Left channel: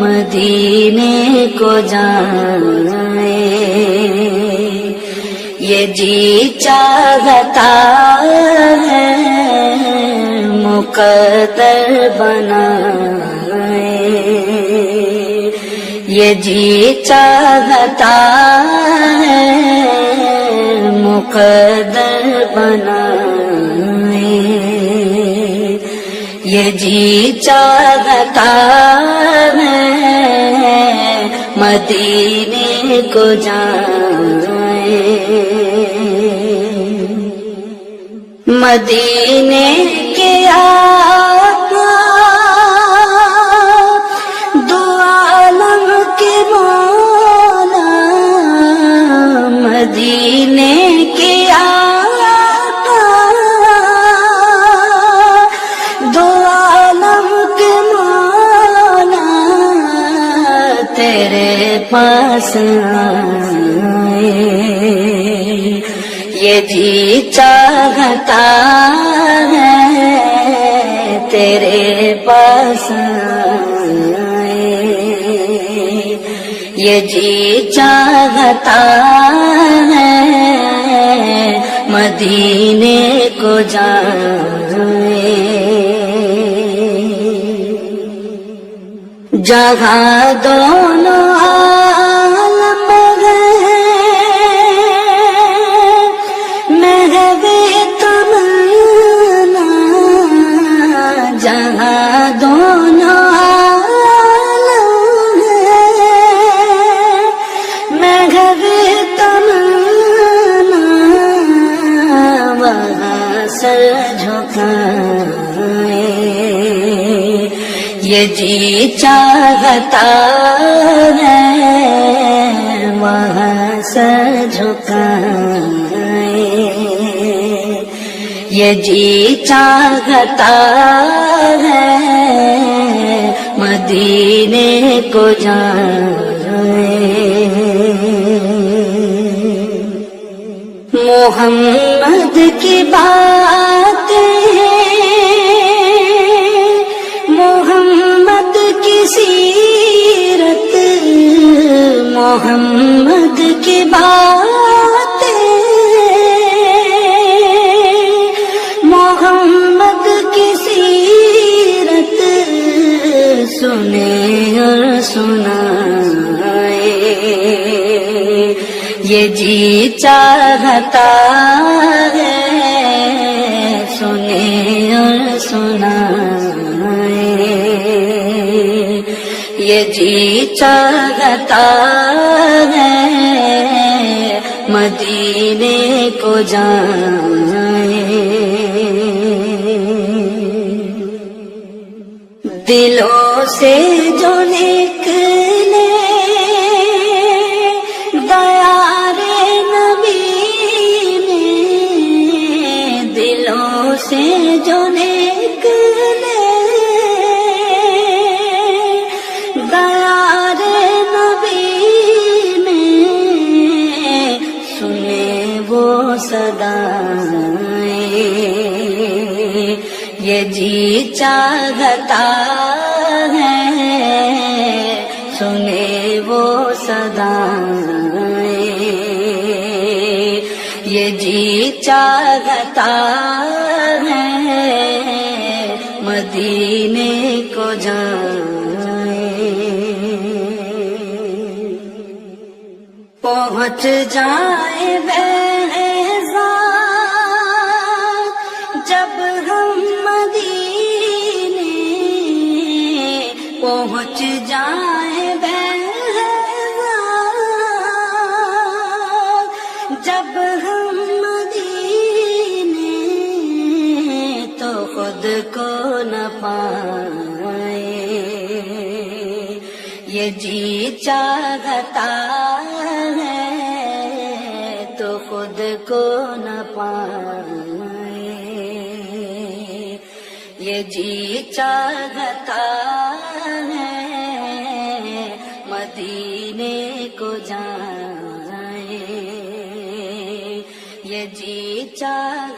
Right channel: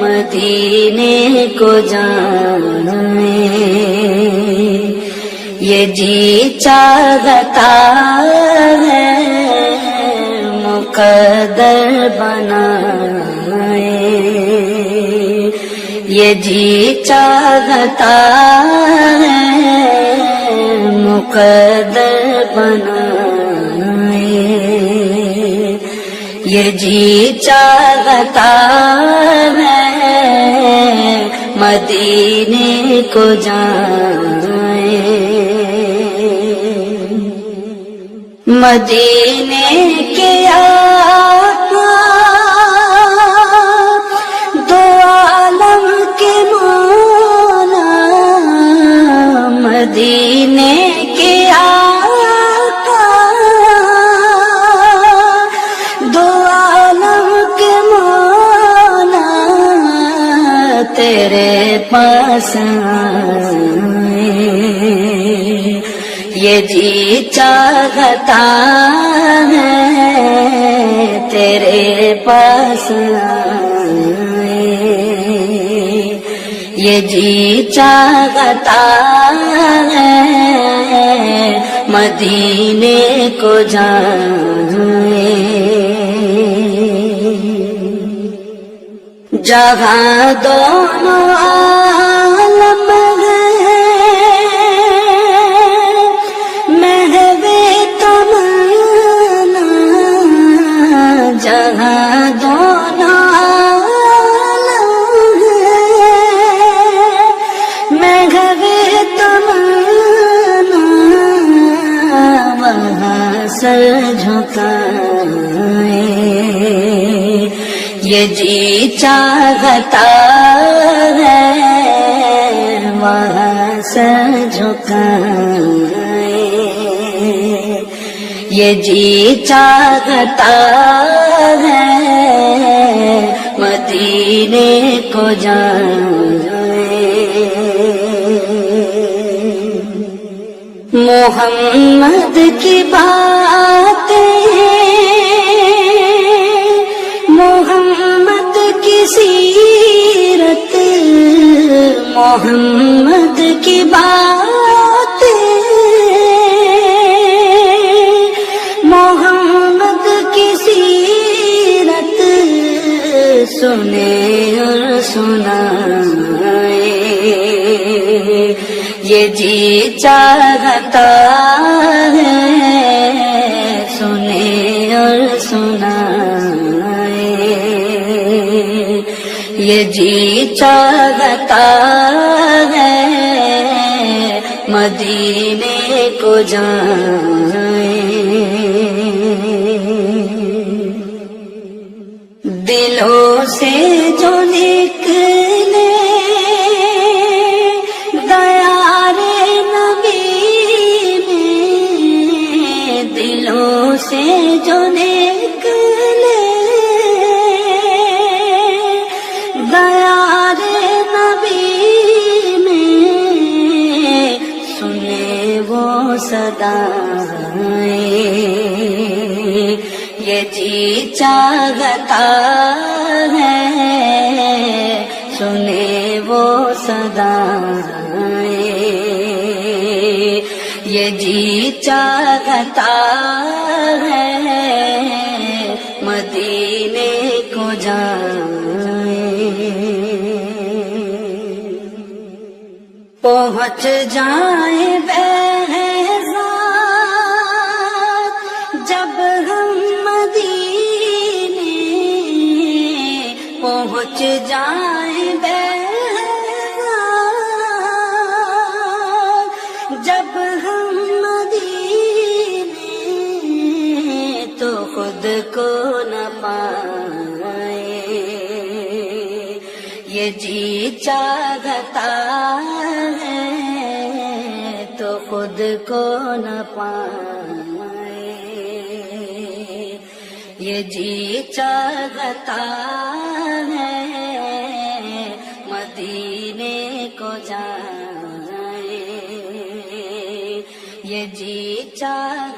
مدینے کو جائیں یہ جی چاہتا ہے، مقدر بنائیں یہ جی چاہتا ہے، مقدر بنائیں یہ جی چاہتا ہے، مدینے کو جائیں مدینے کی آقا دو عالم کے مولا، مدینے کی آقا دو عالم کے مولا، تیرے پاس آئے یہ جی چاہتا ہے، تیرے پاس آئے یہ جی چاہتا ہے، مدینے کو جائیں جہاں دونوں عالم مہوے تمنا، جہاں دونوں عالم مہوے تمنا، وہاں سر جھکائیں یہ جی چاہتا ہے، وہاں سر جھکائیں یہ جی چاہتا ہے، مدینے کو جائیں محمد کی باتیں، محمد کی سیرت، محمد کی باتیں، محمد کی سیرت سنے اور سنائیں یہ جی چاہتا ہے، سنے اور سنائیں یہ جی چاہتا ہے، مدینے کو جائیں دلوں سے جو نکلے دیارے نبی میں، دلوں سے جو نکلے دیارے نبی میں، سنے وہ صدائیں یہ جی چاہتا ہے، سنے وہ صدائیں یہ جی چاہتا ہے، مدینے کو جائیں پہنچ جائیں جب ہم مدینے، پہنچ جائیں جب ہم مدینے، تو خود کو نہ پائیں یہ جی چاہتا ہے، تو خود کو نہ پائیں یہ جی چاہتا ہے، مدینے کو جائیں یہ جی چاہتا